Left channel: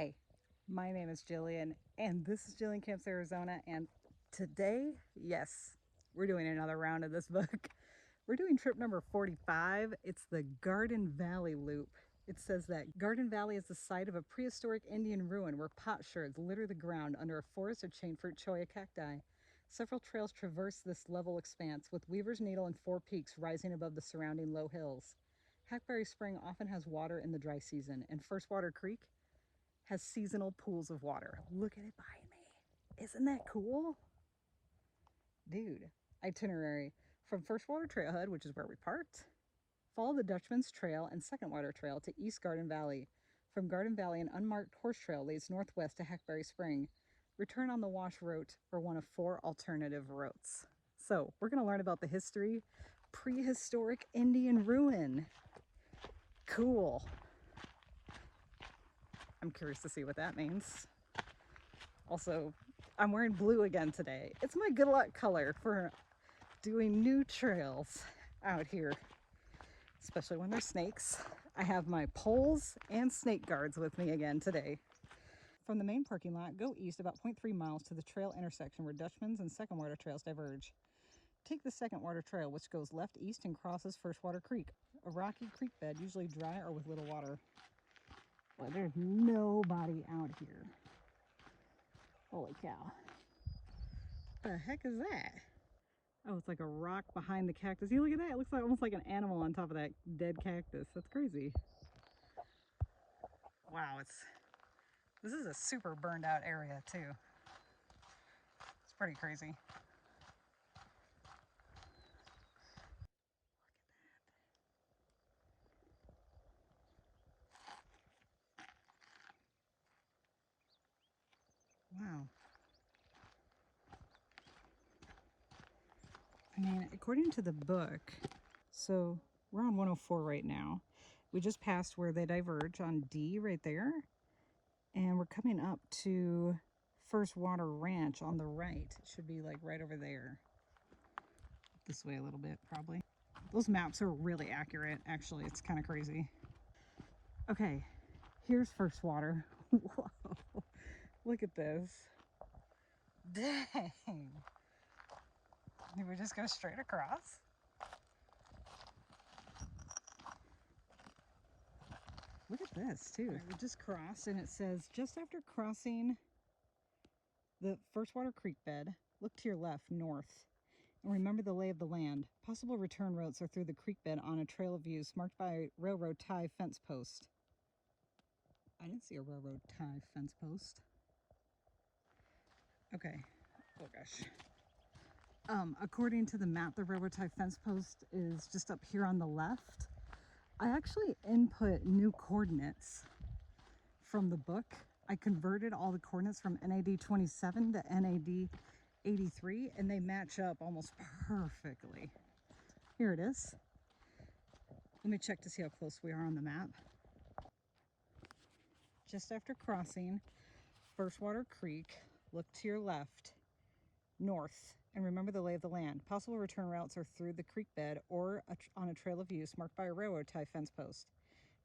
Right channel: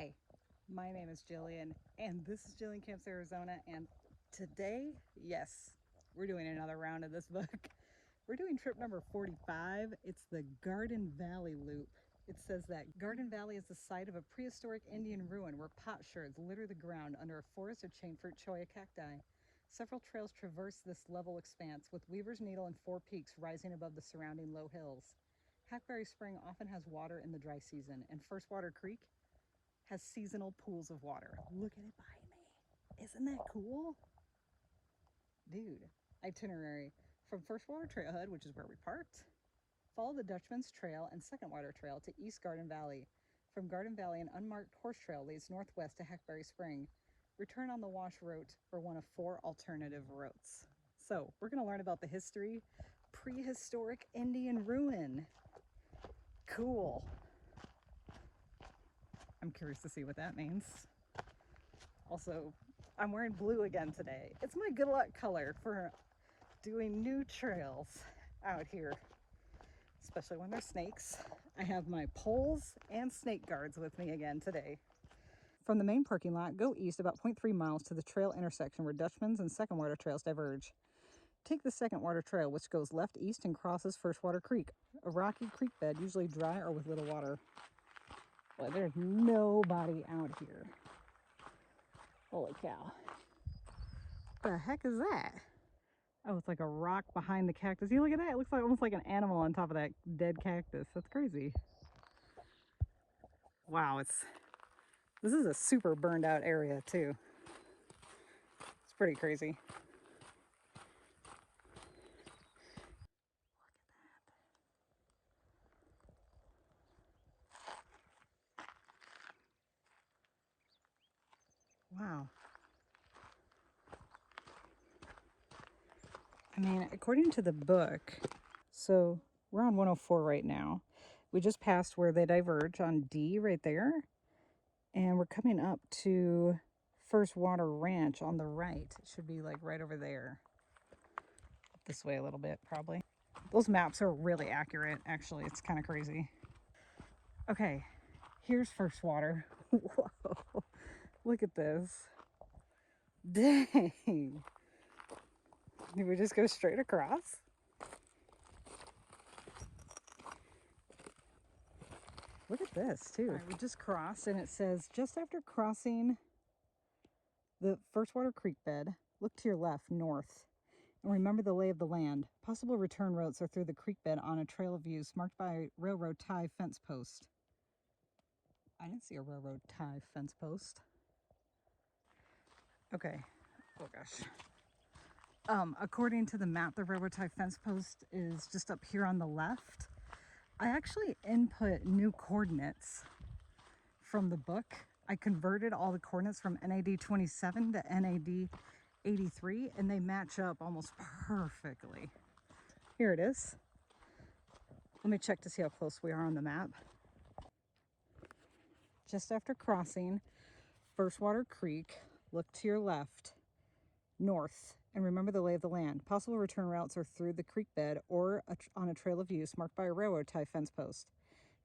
Hey, my name is Jillian, and this is Jillian Camps Arizona. And today, yes, we're doing another round of this book. We're doing trip number 45. It's the Garden Valley Loop. It says that Garden Valley is the site of a prehistoric Indian ruin where pot sherds litter the ground under a forest of chain fruit cholla cacti. Several trails traverse this level expanse, with Weaver's Needle and Four Peaks rising above the surrounding low hills. Hackberry Spring often has water in the dry season, and First Water Creek has seasonal pools of water. Look at it behind me. Isn't that cool? Dude. Itinerary. From First Water Trailhead, which is where we parked, follow the Dutchman's Trail and Second Water Trail to East Garden Valley. From Garden Valley, an unmarked horse trail leads northwest to Hackberry Spring. Return on the Wash Route or one of 4 alternative routes. So, we're going to learn about the history. Prehistoric Indian ruin. Cool. I'm curious to see what that means. Also, I'm wearing blue again today. It's my good luck color for doing new trails out here, especially when there's snakes. I have my poles and snake guards with me again today. From the main parking lot, go east about 0.3 miles to the trail intersection where Dutchman's and Second Water Trails diverge. Take the Second Water Trail, which goes left east and crosses First Water Creek, a rocky creek bed, usually dry or with little water. Well, there's nobody out here. Holy cow. What the heck is that? Oh, it's like a rock behind the cactus. You look at that. It looks like almost like an animal on top of that dead cactus. That's crazy. Wow, this is a super burned out area too. It's pretty crazy. Look at that. Wow. I mean, according to the book, so we're on 104 right now. We just passed where they diverge on D right there. And we're coming up to First Water Ranch on the right. It should be like right over there. This way a little bit, probably. Those maps are really accurate, actually. It's kind of crazy. Okay, here's First Water. Whoa, look at this. Dang. Did we just go straight across? Look at this, too. Right, we just crossed, and it says, just after crossing the First Water Creek bed, look to your left, north, and remember the lay of the land. Possible return routes are through the creek bed on a trail of views marked by a railroad tie fence post. I didn't see a railroad tie fence post. Okay. Oh gosh. According to the map, the railroad tie fence post is just up here on the left. I actually input new coordinates from the book. I converted all the coordinates from NAD 27 to NAD 83, and they match up almost perfectly. Here it is. Let me check to see how close we are on the map. Just after crossing First Water Creek, look to your left, north, and remember the lay of the land. Possible return routes are through the creek bed or on a trail of use marked by a railroad tie fence post.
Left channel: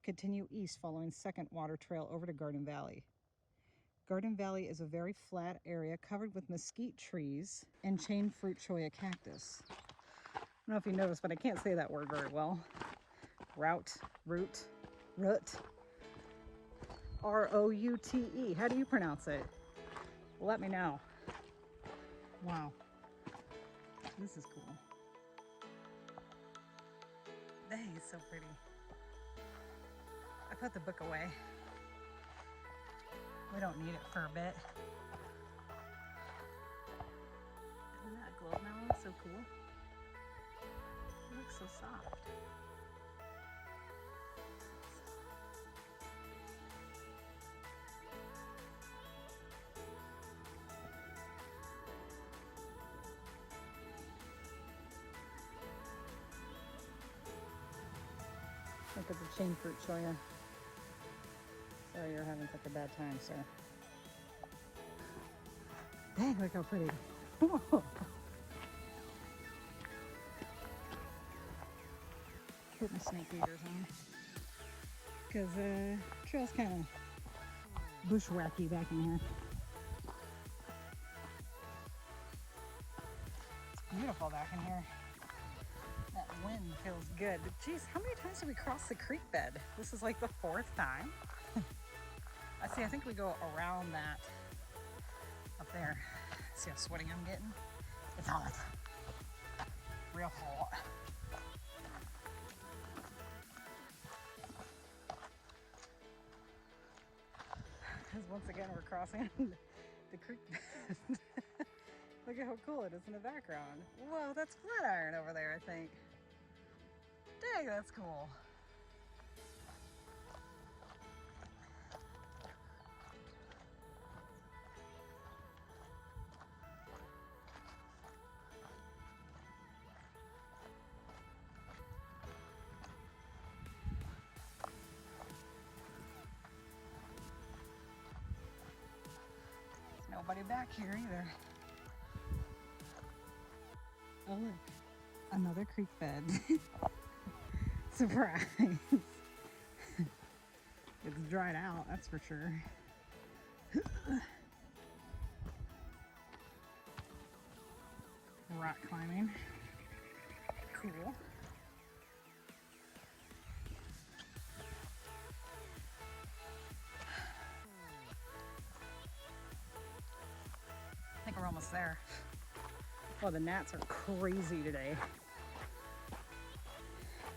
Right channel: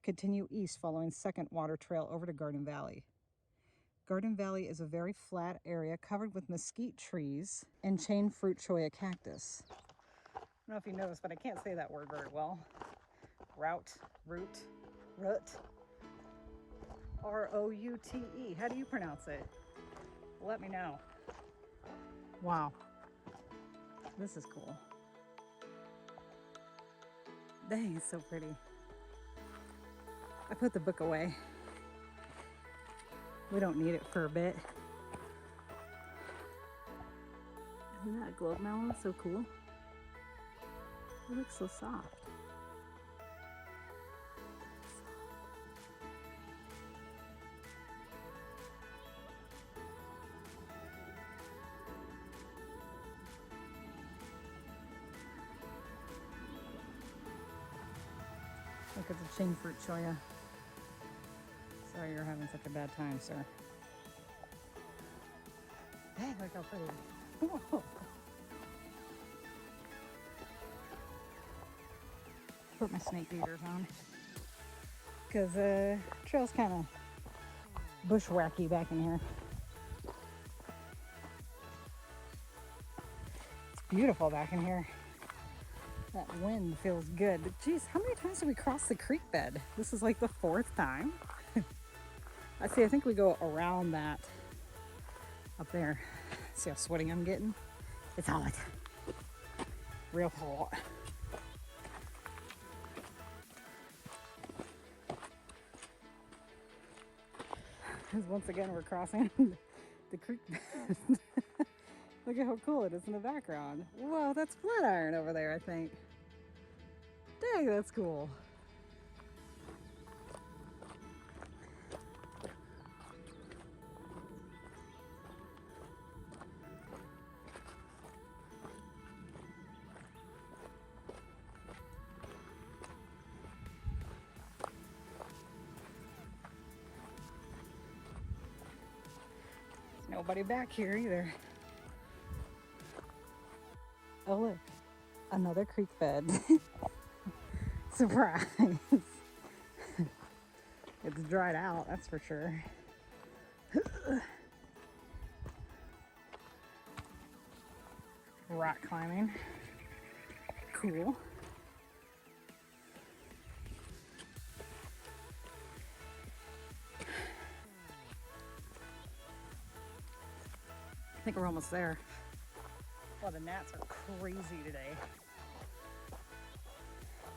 Continue east following Second Water Trail over to Garden Valley. Garden Valley is a very flat area covered with mesquite trees and chain fruit cholla cactus. I don't know if you noticed, but I can't say that word very well. Route, route, route. R-O-U-T-E. How do you pronounce it? Let me know. Wow. This is cool. Dang, it's so pretty. I put the book away. We don't need it for a bit. Isn't that globe melon so cool? It looks so soft. Look at the chain fruit cholla. Sorry you're having such a bad time, sir. Dang, look how pretty. Put my snake eaters on. Because trail's kind of bushwhacky back in here. It's beautiful back in here. That wind feels good. But geez, how many times did we cross the creek bed? This is like the 4th time. I think we go around that up there. See how sweaty I'm getting? It's hot. Real hot. Because once again we're crossing the creek bed. Look at how cool it is in the background. Whoa, that's Flatiron over there, I think. Dang, that's cool. Nobody back here either. Oh look, another creek bed. Surprise. It's dried out, that's for sure. Rock climbing. Cool. I think we're almost there. Oh, the gnats are crazy today.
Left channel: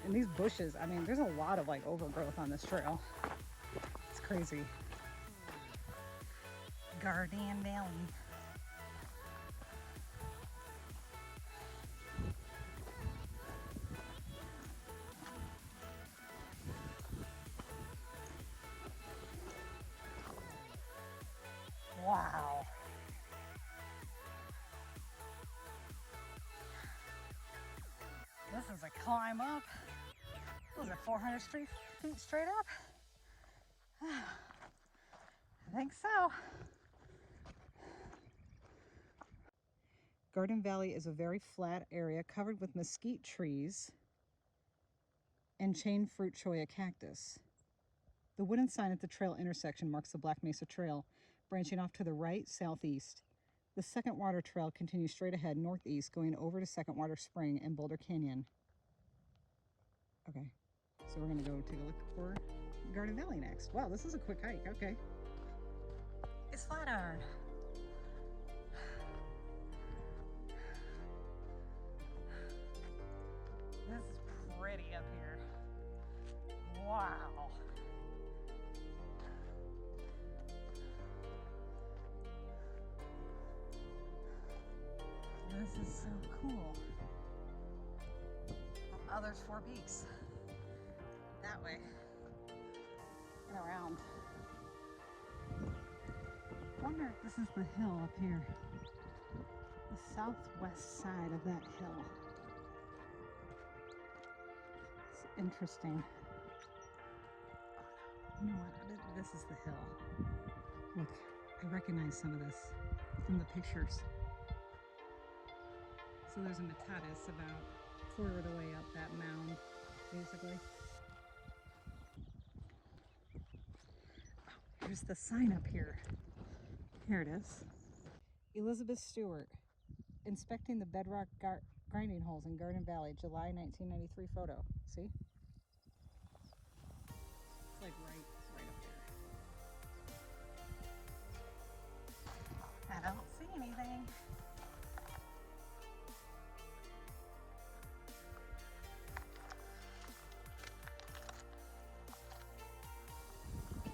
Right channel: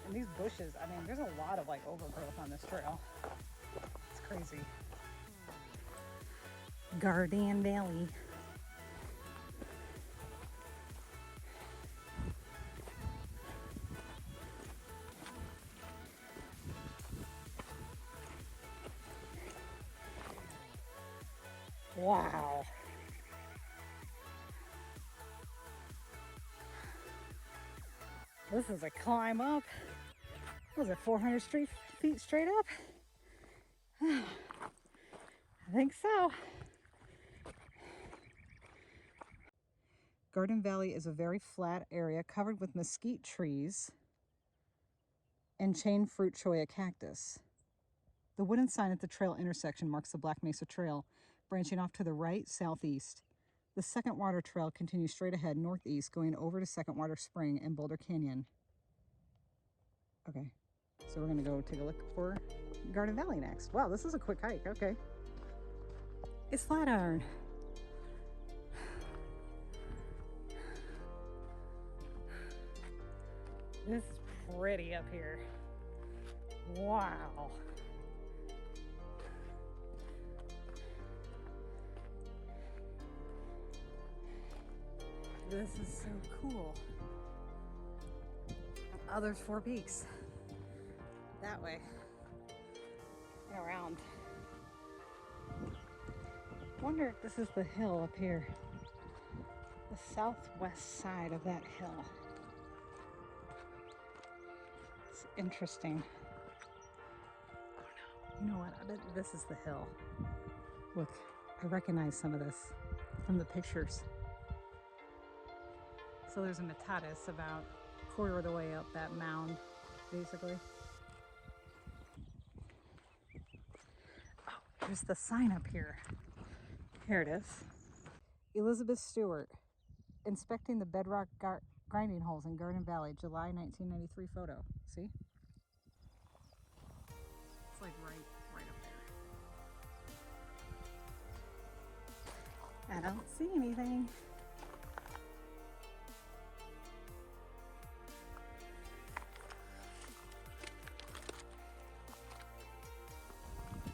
And these bushes, I mean, there's a lot of like overgrowth on this trail. It's crazy. Garden Valley. Wow. This is a climb up. Was it 400 feet straight up? I think so. Garden Valley is a very flat area covered with mesquite trees and chain fruit cholla cactus. The wooden sign at the trail intersection marks the Black Mesa Trail, branching off to the right, southeast. The Second Water Trail continues straight ahead northeast, going over to Second Water Spring and Boulder Canyon. Okay, so we're gonna go take a look for Garden Valley next. Wow, this is a quick hike, okay. It's Flatiron. This is pretty up here. Wow. This is so cool. Oh, there's 4 peaks. That way. And around. I wonder if this is the hill up here. The southwest side of that hill. It's interesting. Oh no. You know what? I bet this is the hill. Look, I recognize some of this from the pictures. So there's a Metates about a quarter of the way up that mound, basically. Oh, there's the sign up here. Here it is. Elizabeth Stewart, inspecting the bedrock grinding holes in Garden Valley, July 1993 photo. See? It's like right up there. I don't see anything.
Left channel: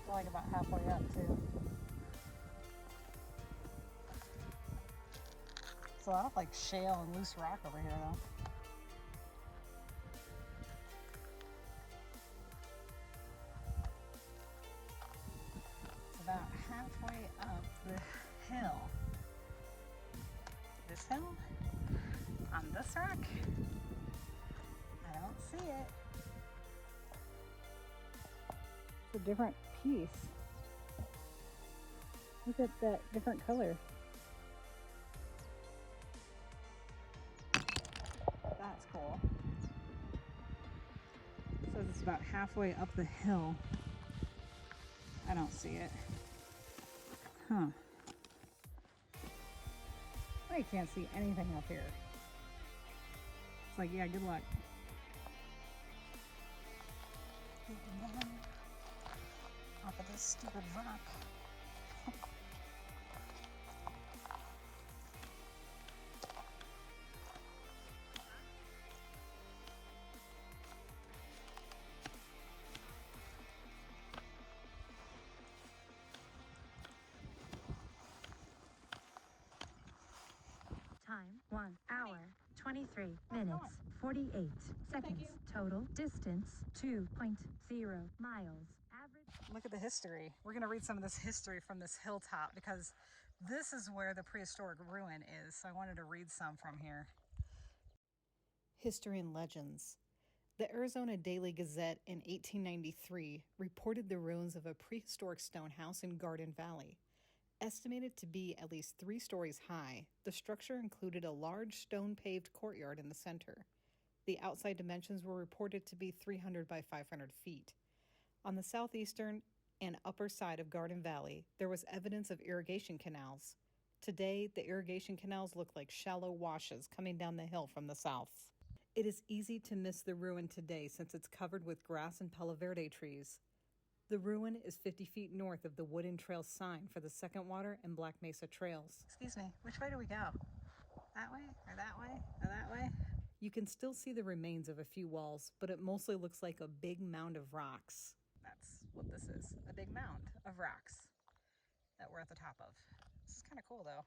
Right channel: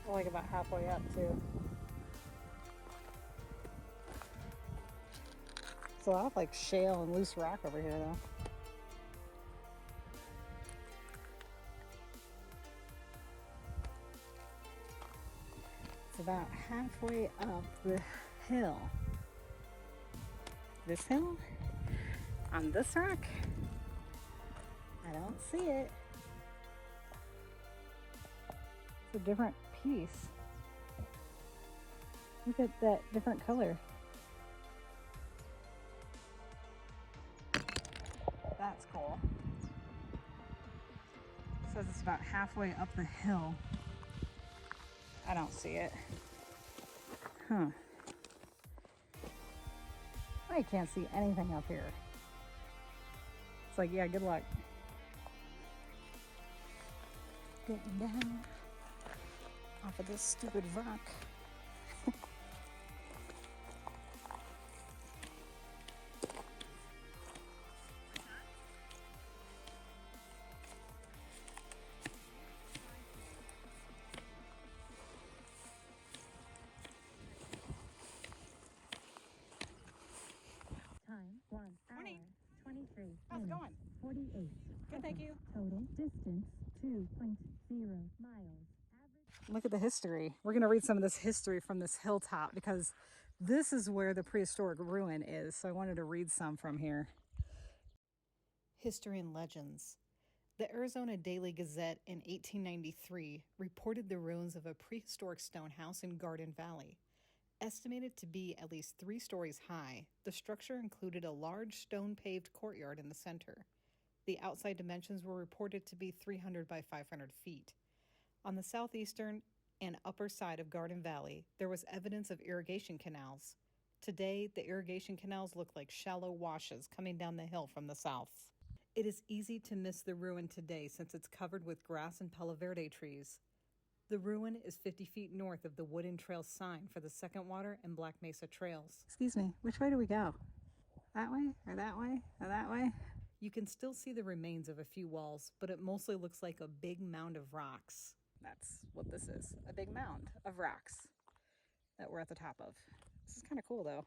Like about halfway up too. It's a lot of like shale and loose rock over here though. It's about halfway up the hill. This hill? On this rock? I don't see it. It's a different piece. Look at that different color. That's cool. It says it's about halfway up the hill. I don't see it. Huh. I can't see anything up here. It's like, yeah, good luck. Getting down off of this stupid rock. Time 1 hour, 23 How's it going? minutes, 48 Good, seconds. thank you. Total distance 2.0 miles. Average. Look at the history. We're going to read some of this history from this hilltop because this is where the prehistoric ruin is. So I wanted to read some from here. History and legends. The Arizona Daily Gazette in 1893 reported the ruins of a prehistoric stone house in Garden Valley. Estimated to be at least 3 stories high, the structure included a large stone-paved courtyard in the center. The outside dimensions were reported to be 300 by 500 feet. On the southeastern and upper side of Garden Valley, there was evidence of irrigation canals. Today, the irrigation canals look like shallow washes coming down the hill from the south. It is easy to miss the ruin today since it's covered with grass and Palo Verde trees. The ruin is 50 feet north of the Wooden Trail sign for the Second Water and Black Mesa Trails. Excuse me, which way do we go? That way, or that way, or that way? You can still see the remains of a few walls, but it mostly looks like a big mound of rocks. That's what this is, a big mound of rocks that we're at the top of. This is kind of cool though.